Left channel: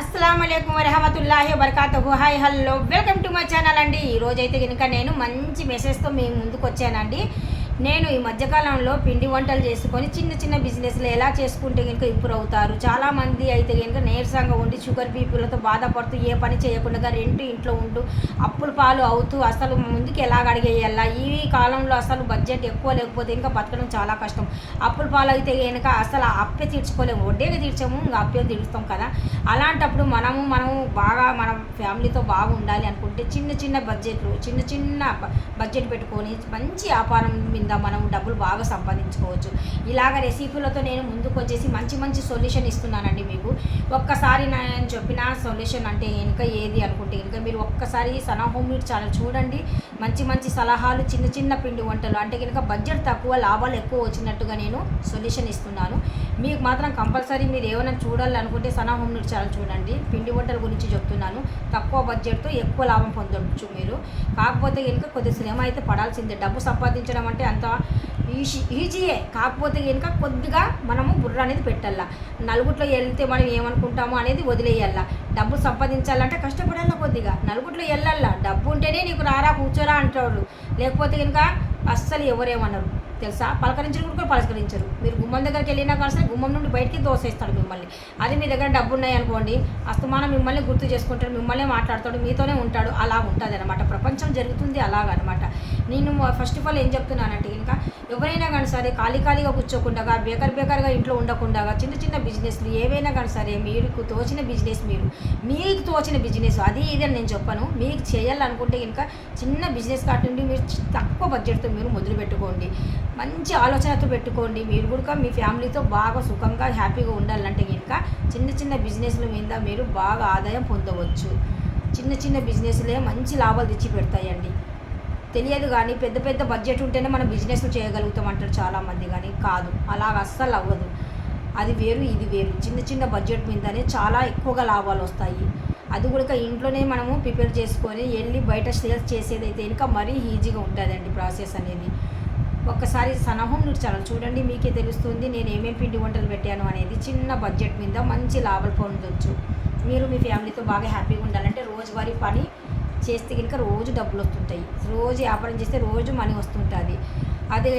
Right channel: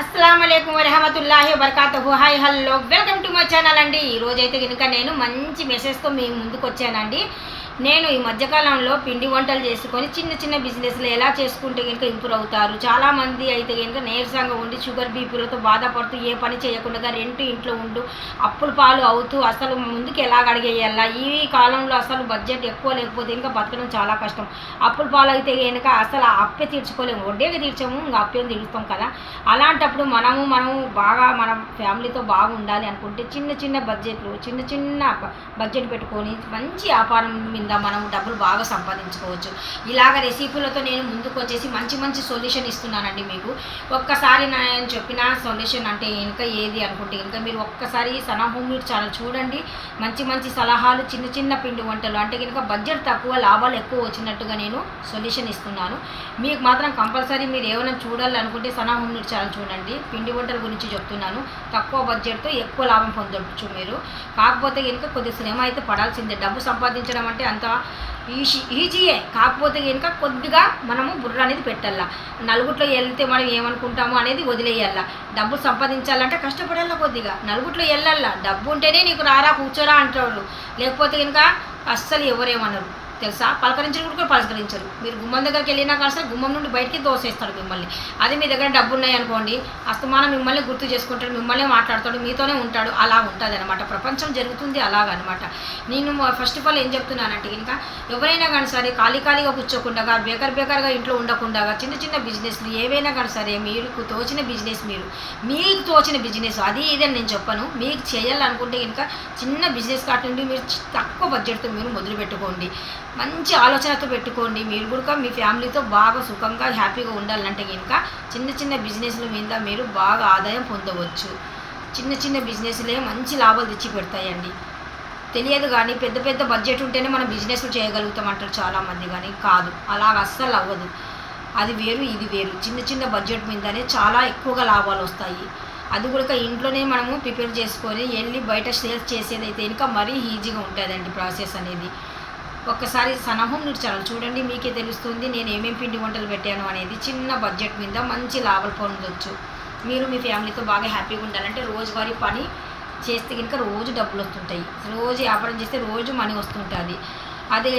అస్సలాముఅలైకుం వరహమతుల్లాహి వబర్కాతుహు. Hi hello, welcome to my channel అండి. ఈరోజైతే కనుక నేను మంచి మెసేజ్తో మీ ముందుకు వచ్చానండి. నేను ఈ మధ్యకాలంలో పిండి వంటలు చేసుకొని చిన్న చిన్న బిజినెస్లు ఎలా చేసుకుంటే కనుక ఇంప్రూవ్ అవుతారు. చాలామంది అయితే కనుక నీరసంగా ఉండి షుగర్ బీపీలతో బాధపడుతూ ఏ పని చేయకుండా రెంట్ ఇంట్లో ఉండు అప్పుల పాలు అవుతూ అసలు ముందుకు ఎలాగ అడిగేయాలా. ఈ కాలంలో అసలు బడ్జెట్ ఎక్కువ లేకపోతే ఇంకా బతకడం చాలా కష్టం. అప్పుల పాలు అయితే కనుక అసలు ఆ అప్పే తీర్చుకోలేము, వడ్డీగా తీర్చాము ఇంకా అప్పే తీరుస్తాం కదా. అలాంటప్పుడు మనము బాగా మన ఫ్యామిలీతో బాగుండాలి అనుకుంటే చిన్న చిన్న బడ్జెట్ పెట్టుకొని మంచి వ్యాపారం మీద మనం డబ్బులు బాగా సంపాదించుకోవచ్చు. ఇలాగ రెసిపీలతో నేను ముందుకు వచ్చేసి మంచి సొల్యూషన్ ఇస్తున్నానండి మీకు. ఒక్కసారి నేను చెప్పిన సొల్యూషన్ అంటే కనుక ఏది అనుకుంటే కనుక మీరు ఒక్కసారి సనా హోమ్ మేడ్ ఛానల్ చూడండి. మంచి సలహాలు, చిన్న పిండి వంటలు అంటే కనుక బడ్జెట్ తక్కువ లాభాలు ఎక్కువ వచ్చినట్టుగా నేను సొల్యూషన్ ఇస్తున్నాను. మీకు మాత్రం కంపల్సరీ మీరు ఏమైనా చూడాలనుకుంటే సనా హోమ్ మేడ్ ఛానల్ చూడండి. పిండి వంటల గురించి చెప్తున్నాను. తక్కువ బడ్జెట్తో ఎక్కువ లాభం పొందవచ్చు మీరు. కాకపోతే కనుక కొద్ది శ్రమ అయితే పడాల్సిందే. డబ్బు సంపాదించడం అంటే అంత ఈజీయే. కాకపోతే కనుక కొద్దిగా మనము బుర్ర అనేది పెట్టాల. నలుగుట్లో వెళ్తే మనం ఏమనుకుంటామో అనేది వదిలేయాల. డబ్బు సంపాదించాలంటే కష్టపడాల, కొద్దిగా నలుగుట్లో వెళ్ళాల. డబ్బు ఉంటేనే నీకు రారా కూర్చోరా అంటారు, లేకపోతే కనుక అస్సలు ఎవరేమన్నారు తెలుసా. పలకరించరు కూడా పలకరించరు. మీరు గుమ్మం దగ్గరికి వెళ్ళినా కానీ గుమ్మం నుండి బయటికి దోసేస్తాడు మిమ్మల్ని. అదే మీ దగ్గర డబ్బు ఉన్నాయనుకోండి, అస్తమానం మిమ్మల్ని గుర్తు చేసుకుంటాడు, మిమ్మల్ని మాట్లాడతాడు, మీతోనే ఉంటాడు. అలా ఉంటుంది అనమాట. ప్రపంచం జరుగుతుంది అలాగనమాట. నేను ఫస్ట్ ఆఫ్ ఆల్ ఏం చెప్తున్నానంటే ఇంకా ఎవరైనా కానీ సరే ఖాళీగా కూర్చోకుండా బేకర్గా ఇంట్లో ఉండకుండా చిన్న బిజినెస్లు ఏవైనా కానీ సరే మీకు తోచిన బిజినెస్ అది ఇదని నేను చెప్పను. మీకు చేయాలనుకుంటే ఇంకా చిన్న బిజినెస్ కాటి నుండి మీరు తక్కువ బడ్జెట్తో మీరు మొదలు పెట్టుకోండి. మంచి ఆలోచనతో పెట్టుకోండి. మీరు కూడా మీ ఫ్యామిలీతో బాగా సుఖంగా హ్యాపీగా ఉండాలంటే కనుక చిన్న బిజినెస్ల మీద మీరు బాగా ఆదాయం పొందవచ్చు. చిన్న బిజినెస్లే మంచి లాభాలు తెచ్చి పెడతాయండి. తెలియదు కానీ పెద్ద బడ్జెట్ ఉంటేనే మనం బిజినెస్ చేయగలుగుతాం అంటారు చాలామంది, కానీ కాదు, అలాగ అస్సలు అవ్వదు. అది వేరు ఇది వేరు. చిన్న బడ్జెట్ మీదనే చాలా ఎక్కువగా లాభాలు వస్తాయి. అది కూడా ఇంట్లోనే మనము ప్రిపేర్ చేసుకొని వెళ్ళి బయట సేల్స్ చేసేదైతే ఇంకా మరీ ఈజీగా ఉంటుందండి ప్రాసెస్ అనేది. ఒక్కసారి సనా హోమ్ మేడ్ ఛానల్ చూడండి, మీకే తెలుస్తుంది నేను ఏమేమి పిండి వంటలు పెట్టాను అనేది. చిన్న బడ్జెట్ మీద మంచి లాభాలు పొందవచ్చు. మీరు మీ ఫ్యామిలీతో బాగా హ్యాపీగా ఉండాలంటే రోజువారీ పని చేస్తే కనుక రోజు డబ్బులు వస్తుంటాయి. రోజు వ్యాపారం చేస్తే రోజు మనీ వస్తుంటుంది. అదే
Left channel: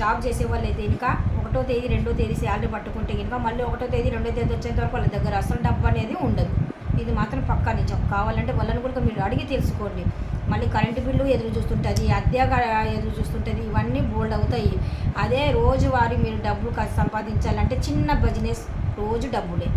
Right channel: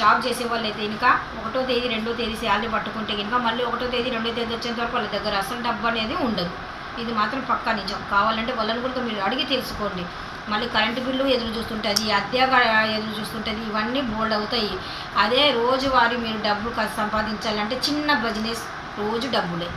జాబ్ చేసే వాళ్ళు అయితే ఇంకా 1వ తేదీ 2వ తేదీ శాలరీ పట్టుకుంటే కనుక మళ్ళీ 1వ తేదీ 2వ తేదీ వచ్చేంత వరకు వాళ్ళ దగ్గర అసలు డబ్బు అనేది ఉండదు. ఇది మాత్రం పక్కా నిజం. కావాలంటే వాళ్ళని కూడా మీరు అడిగి తెలుసుకోండి. మళ్ళీ కరెంటు బిల్లు ఎదురు చూస్తుంటుంది, అద్దెగా ఎదురు చూస్తుంటుంది, ఇవన్నీ బోల్డ్ అవుతాయి. అదే రోజువారీ మీరు డబ్బులు సంపాదించాలంటే చిన్న బిజినెస్ రోజు డబ్బులే.